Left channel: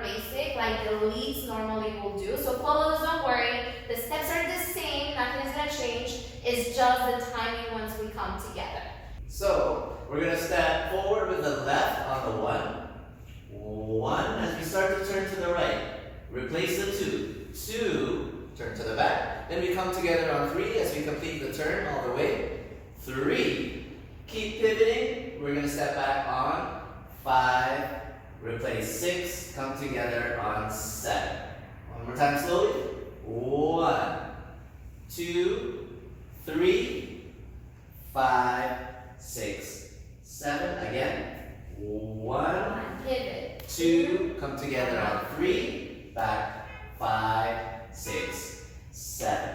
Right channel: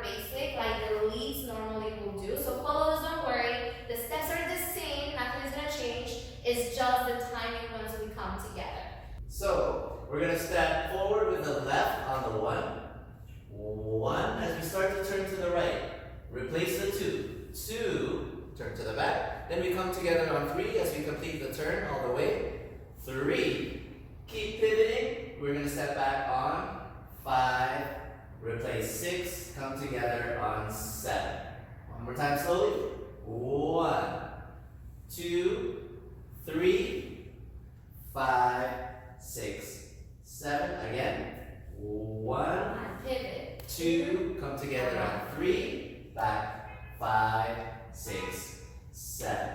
regular basic, like the leads normally will do. So follow this, don't worry. The steps are the same, nothing's gonna change. It's just the timing once we come together. So we're gonna step forward with the left on the 1. 1, as we start to turn to the right. Replace the 2. 2, turn to the back. Then we come together on 3 as we complete the turn all the way. 3, keep pivoting. We're gonna step back on 5, replace 6, come together on 7. One more time slowly. 1, 2, 3, 5, 6, 7. Again. 1, pivot. 2, come together on 3, back 5, 6, 7.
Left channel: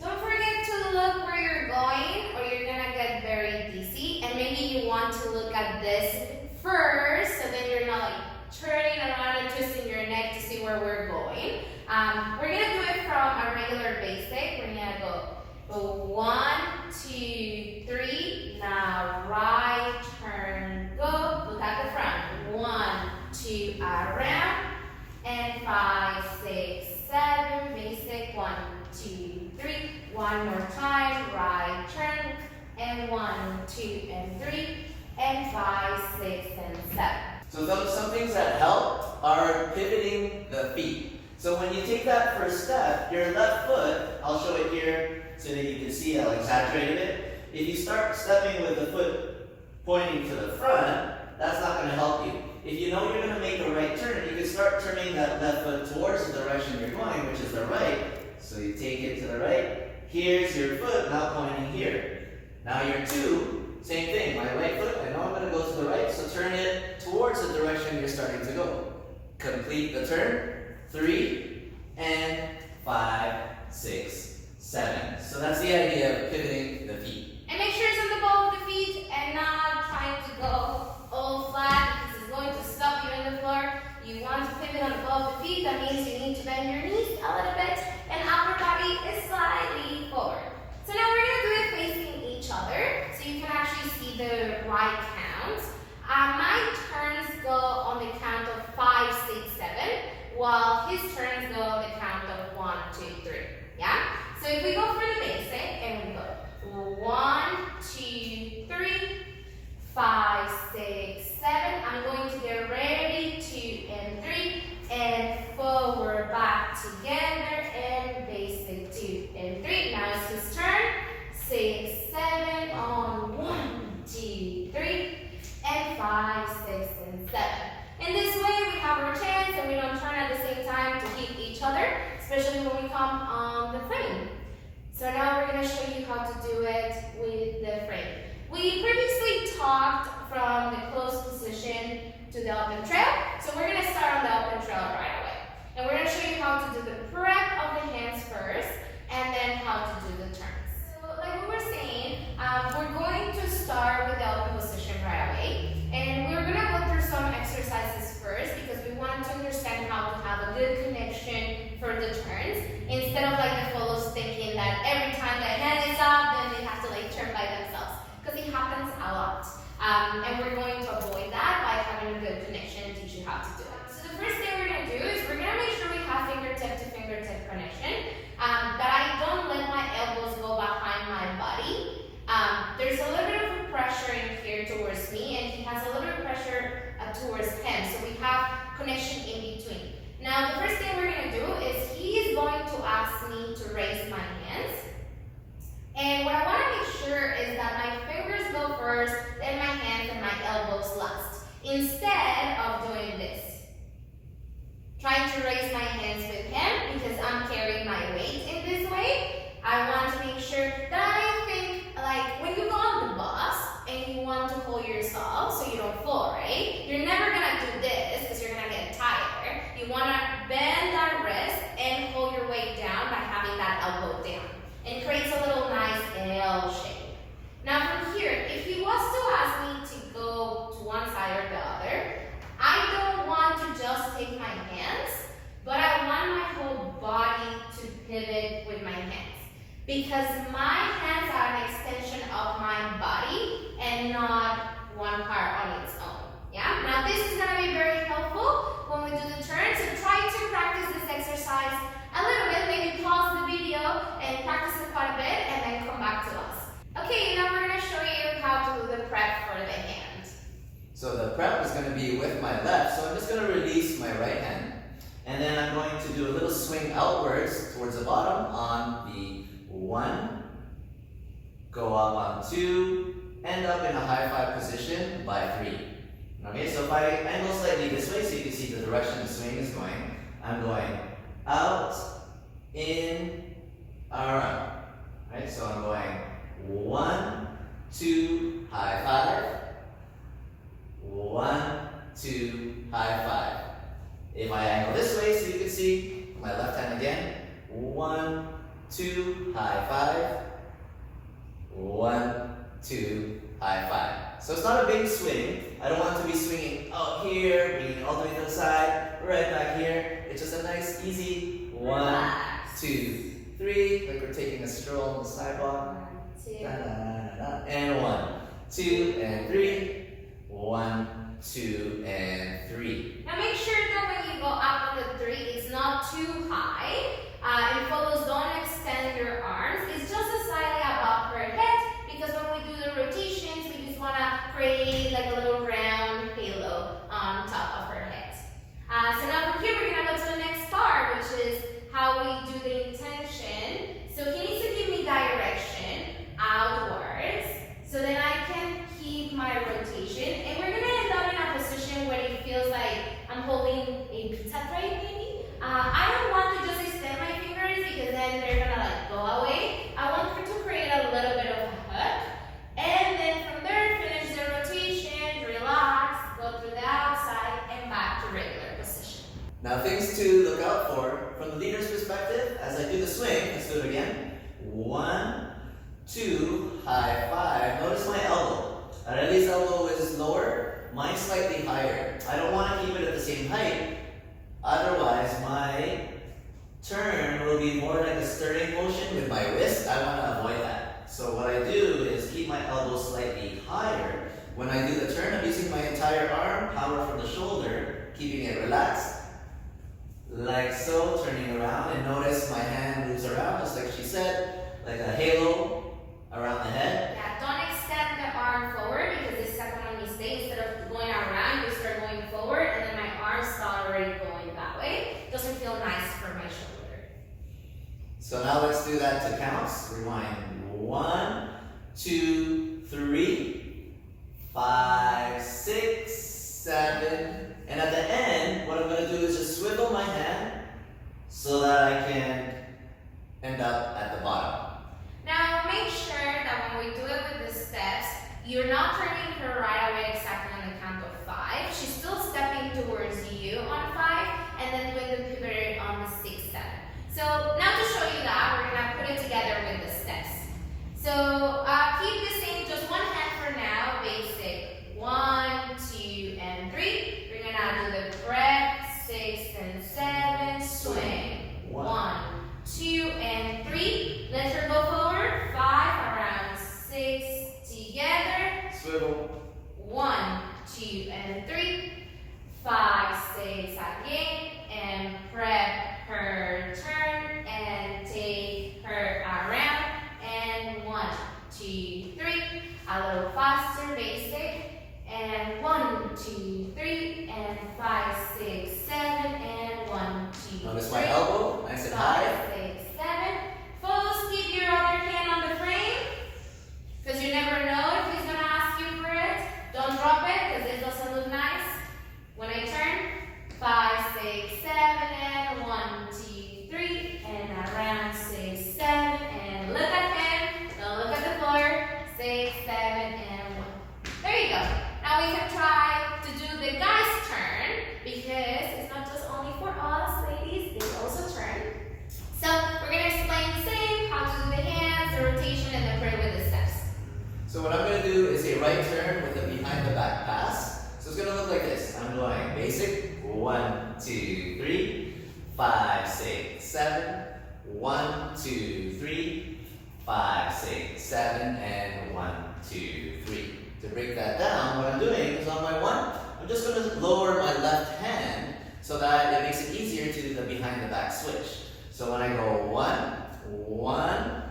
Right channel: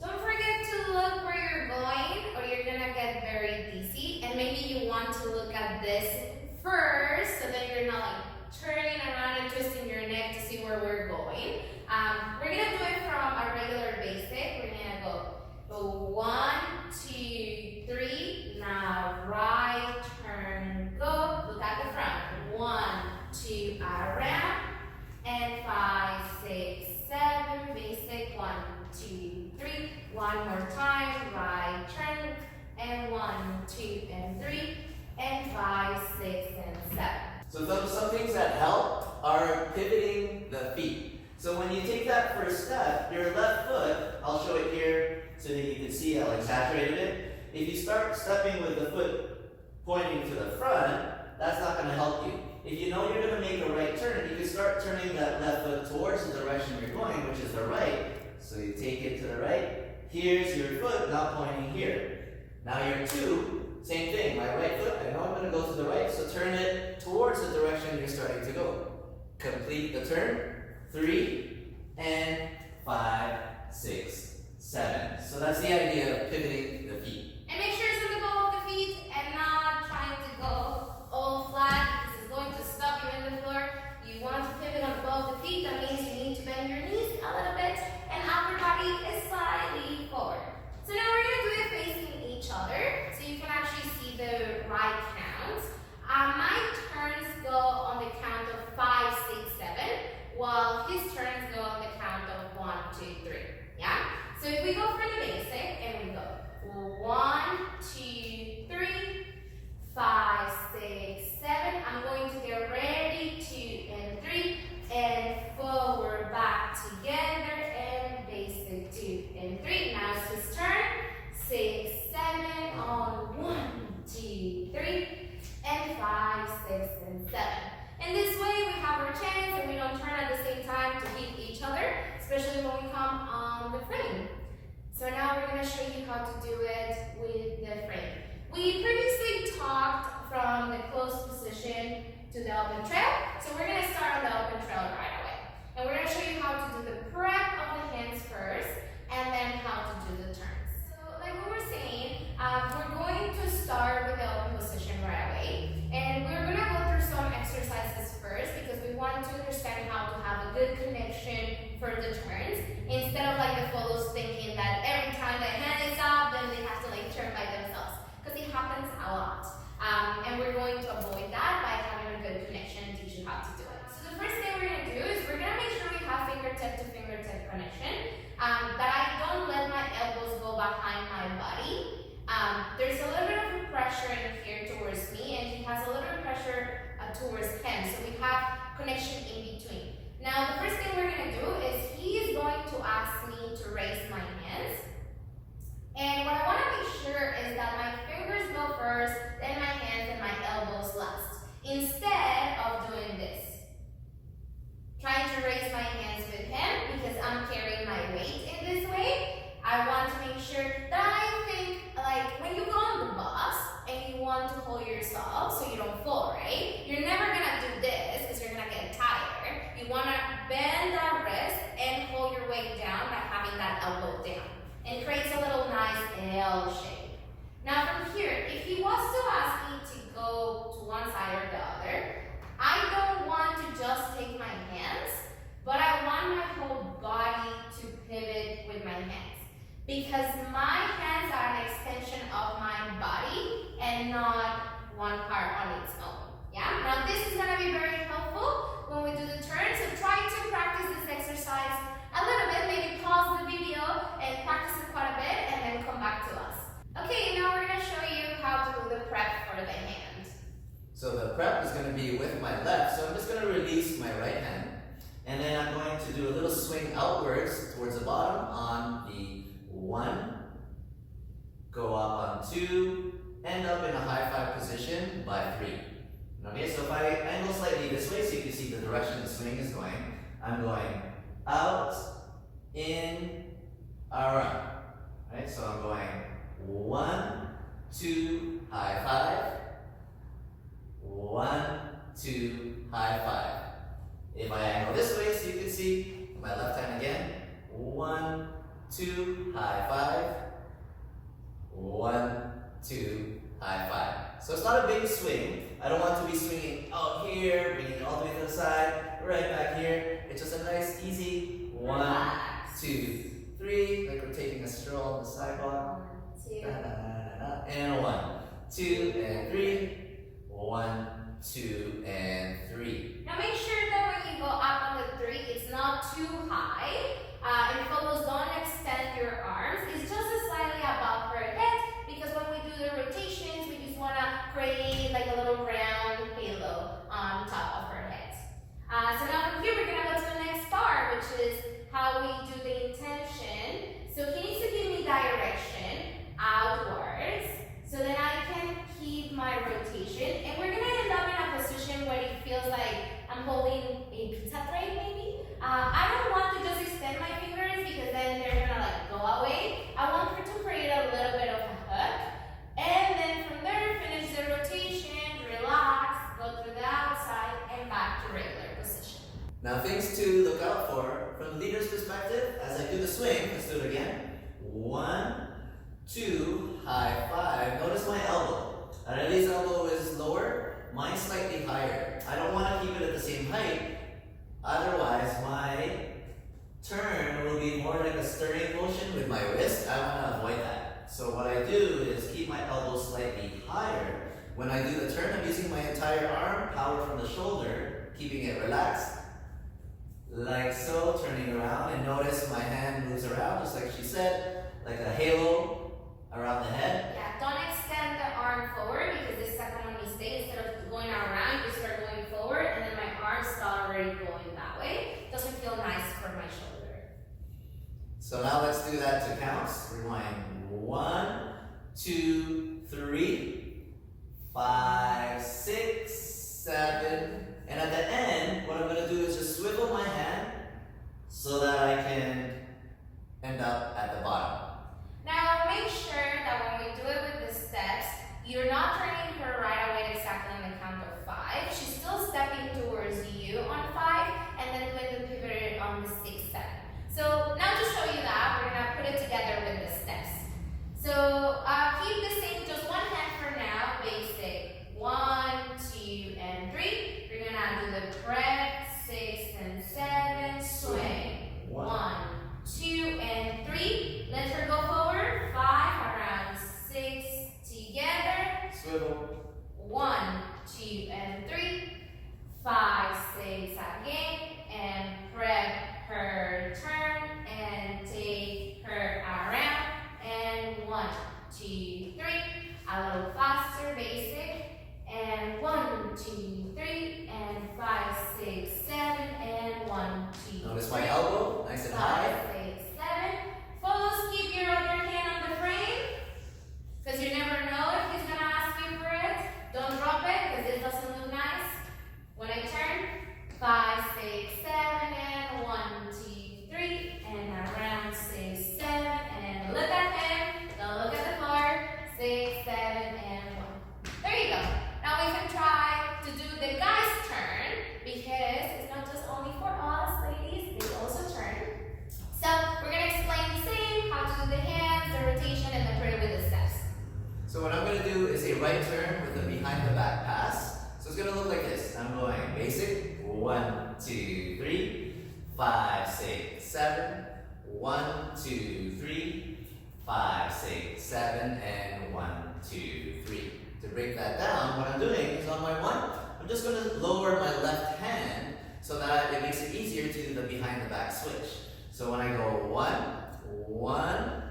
Don't forget to look where you're going or you're gonna get very dizzy, and maybe you want to look at this first so then you're not like turning around and twisting your neck to see where we're going. We're gonna do it from a regular basic. We're gonna go 1, 2, 3. Now right turn, go. Look at the front. 1, 2, around, and 5, 6, 7. Basic. 1, 2, 3. One more time. Right turn, and 1, 2, and 3, and 5, 6, and 7. So some things that help are pivoting the feet. So when you take that first step, your left foot, I'll show it here so that you can see how exaggerated it. If you start stepping with the foot pointing to the front, that's not going to help you. If you know you're going to make a right turn, you can start turning that left foot towards the direction you're going, which is the right. So you take it to the right. Here's your foot now pointing here. Now your 2, same thing. My right foot, I know I'm going to go to the right, so turn it towards the direction you're starting to go. Complete the turn. 3, and 5, 6, 7. So that's the idea of pivoting the feet. And make sure it's on the ball of the feet and not trying to go all flat because it's going to stop you in the floor. You want to pivot on the ball of the feet. That means you need to bend your knees a little bit and upper body is slightly forward. So now we're going to do it facing each other so you can actually see the right count. My turns go on the count of 5, 6, 7. While his turns go on the count of 1, 2, 3. Yeah? So if we go for the basic and we go 1, 2, 3, 5, 6, 7. I'm going to get ready, 2 and 3, and forward, back together, and basic 2 and 3. Now it's his turn. 6, 7 on 1, 2, 3, and 5, 6, and 7. In this way, we have our chance and we don't turn at the same time to hit each other, especially when we come on the frame. So now we're going to show you how to do it with the frame. We previously talked from the closed position to the open trail. So we're going to start on the open trail right away. And we're going to show you how to do the prep of the hands first and then how to do the turns. So like we were saying, we're going to start with the open position right away. And we're going to go through some exercises first because we want to understand how to have a good connection for the turns instead of like the follows thinking that every time the hand is up then they have to like turn by themselves because it happens a lot. And we're going to avoid that by having a good connection and teach you how to do it. So the first thing we're going to do is we're going to make sure we have fingertip to fingertip connection, that I don't let my elbows go behind my body. There's a little bit of pressure in here towards me and he has a little bit of pressure towards him, so we have connection in between. Now the first thing we're going to do is he is going to ask me to raise my hands, and what I want to make sure is that my fingers go first, then my hands and my elbows last, instead of doing this. Trying to raise my hands with him because I'm carrying my weight in this way. I want to make sure that I think like when you go on the bus and you want to hold yourself so you don't fall, right? You're never going to do this because you're going to get tired. You want to bend that wrist and hold your weight down by having that elbow down. And creates a little nice L shape. Now from here, if he was to ask me to go to one side or the other, I don't want to just take my hands, but I want my whole body to pivot with my hands. Because my hands are an extension of my body and not one part on its own. Yeah? Now this is going to be very helpful when we do the turn my right hand. And then I'm going to do a little swing outwards towards the bottom on the 1, go up on 2, end up in a high 5 position by 3. Okay, so if I angle slightly this way so you can see the direction the swing is going, I'm going out, in, around. Right, so I'm going 1, 2, high 5, 1, 2, high 5. If I angle this way so you can see my left hand again, 1, 2, high 5, 1, 2, high 5. So it's not a big swing. I don't want to be swinging out here, bringing it all the way to the side, right back here. It's just a nice, easy 1, 2, 3, like we're taking a stroll on the sidewalk. 1, 2. Da, da, da, da. And 1, 2, and 3. 1, 2, and 3. Now make sure that when you go up on the 3, it's not too high. And follows, don't extend your arms. It's just slightly above her head because when we do the rotations, we just want to create like a little round halo on top of her head. So now from here, we're going to go to the next part, which is how we do the intention. So he needs to give me direction outwards. So then I can keep my rotation. And we're going to end up in a position where it feels like I'm holding a pizza tray maybe. I don't want to just extend my fingers because then they're going to like go away. I want her to create a little bit of a hook. And then from there, finish the rotation, relax, go through the outside, and back to regular position. Now things to look out for from the leader's perspective as I do the swing. Let's do it again. 1, 2, high 5. Notice my elbow. Arely's elbow is lower, mine's slightly higher. I don't want to keep it at the same height. Otherwise, my turn will be more like a stirring motion with my wrist. I want to avoid that. So what I do is keep my elbow slightly higher. When I do the turn, I'm using my entire arm, power from the shoulder, keeping it relaxed. Like so, turning around, and notice my hand moves around, just like she said, like a halo around the head. Yeah, don't extend the arm forward because this is a common mistake. Instead of going around, you start going forward, and then my arms start already going that way. Doesn't feel nice for my shoulder. So now let's do that to counts. Rewind. 1, 2, 3, 5, 6, 7. And at the end, what I'm going to do is just swivel my hand so that I can end up at the bottom. Now make sure that when we do it with the steps, you're not turning her right away exactly on the count of 5. She's still stepping towards you on 5, and then with the pivot on the 6, 7. So now to show you that, we're going to put it together with the steps. So keep the same, just one hand for now, basic 1, 2, and 3. We're going to do the prep, 6 and 7, swing. 1, 2, and 3. Let her go forward. 5, around 6, together. Swivel. 1, 2, and 3. 5, 6, again. And prep her turn and take her around. And 1, 2, 3. A little faster, basic. And 1, 2, 3. And 5, 6, 7. And 1, 2, Notice 3. my elbow, nice and high. 5, 6, 7. Follows, keep your other hand on the frame. Because you never know if he's going to ask you for it. Don't drop it because it doesn't look nice. When I turn, 5, 6, 7, and 1, 2, 3, and around 6, 7, and look at him. Don't look at the floor. 6, 7, and 1. There you go. Now we can try to do the guy's turn because it's not just only for us, ladies. They also turn. So we're going to explain the same, how to do the hands, the rotation, and then put it with the steps. So what I'm going to do is a right turn with a behind the back pass. So it's going to look like this. I'm going basic. 1, 2, 3, 5, 6, 7. 1, 2, 3, 5, 6, 7, and 1, 2, 3. To break that down, what I'm doing is on my 1, I'm just going to lower my left hand so that it makes it easier to do the behind the back switch. So when I go 1, 1,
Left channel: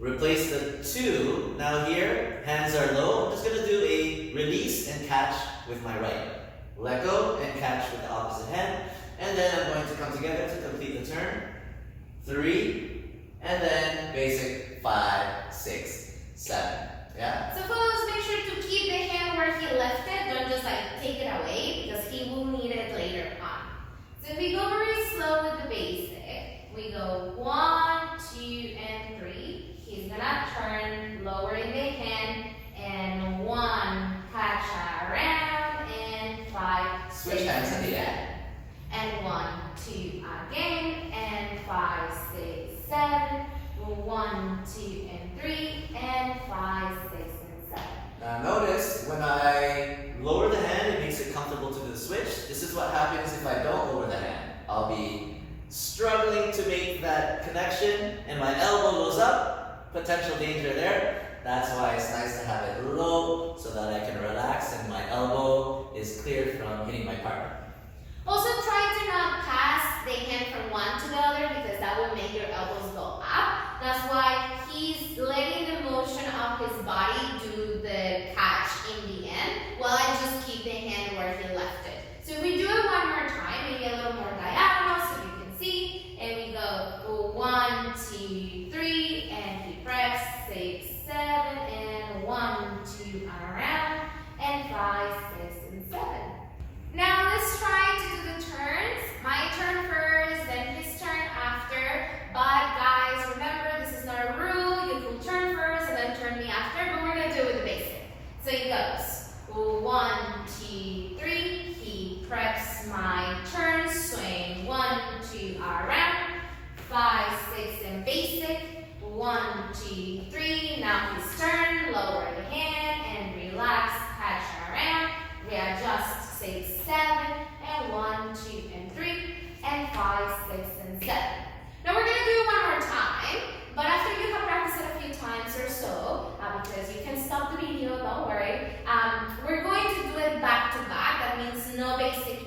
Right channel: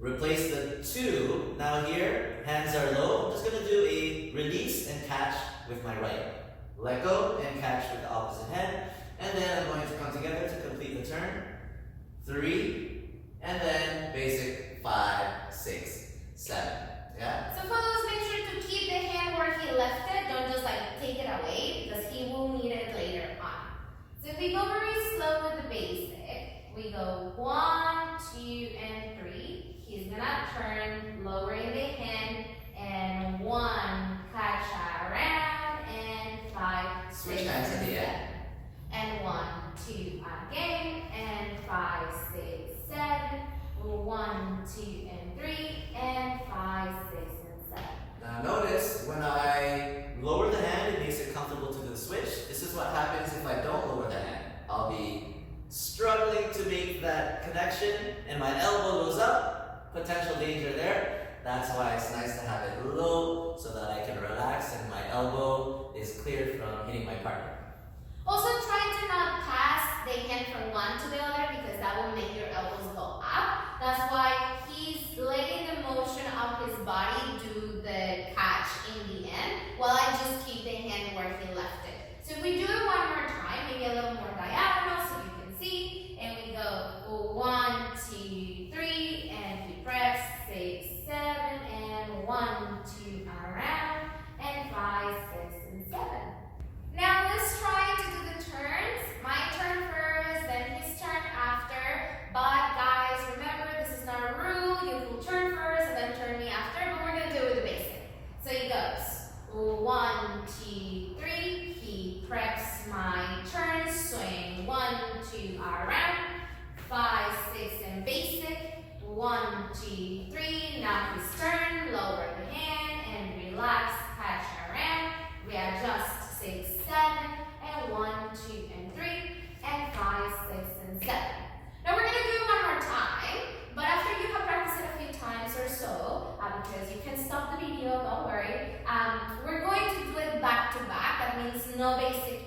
replace the 2. Now here, hands are low. I'm just going to do a release and catch with my right. Let go and catch with the opposite hand. And then I'm going to come together to complete the turn. 3, and then basic 5, 6, 7. Yeah? So fellows, make sure to keep the hand where he left it. Don't just like take it away because he will need it later on. So if we go very slow with the basic, we go 1, 2, and 3. He's gonna turn, lowering the hand, and 1, catch around, and 5, Switch 6, hands at and the 7. end. And 1, 2 again, and 5, 6, 7. 1, 2, and 3, and 5, 6, and 7. Now notice, when I lower the hand, it makes it comfortable to do the switch. This is what happens if I don't lower the hand. I'll be struggling to make that connection, and my elbow goes up. Potential danger there. That's why it's nice to have it low, so that I can relax and my elbow is clear from hitting my partner. Also, try to not pass the hand from one to the other because that will make your elbows go up. That's why he's letting the motion of his body do the catch in the end, while I just keep the hand where he left it. So if we do it one more time, maybe a little more diagonal so you can see, and we go 1, 2, 3, and he preps 6, 7, and 1, 2 around, and 5, 6, and 7. Now let's try to do the turns. My turn first, then his turn after. But guys, remember this is not a rule. You will turn first and then turn me after, but we're gonna do it with the basic. So he goes 1, 2, 3. He preps my turn, swing 1, 2 around, 5, 6, and basic. 1, 2, 3. Now his turn. Lower the hand and relax. Catch around. Readjust. 6, 7, and 1, 2, and 3, and 5, 6, and 7. Now we're going to do it one more time, but after you have practiced it a few times or so, because you can stop the video, don't worry, we're going to do it back to back. That means no basic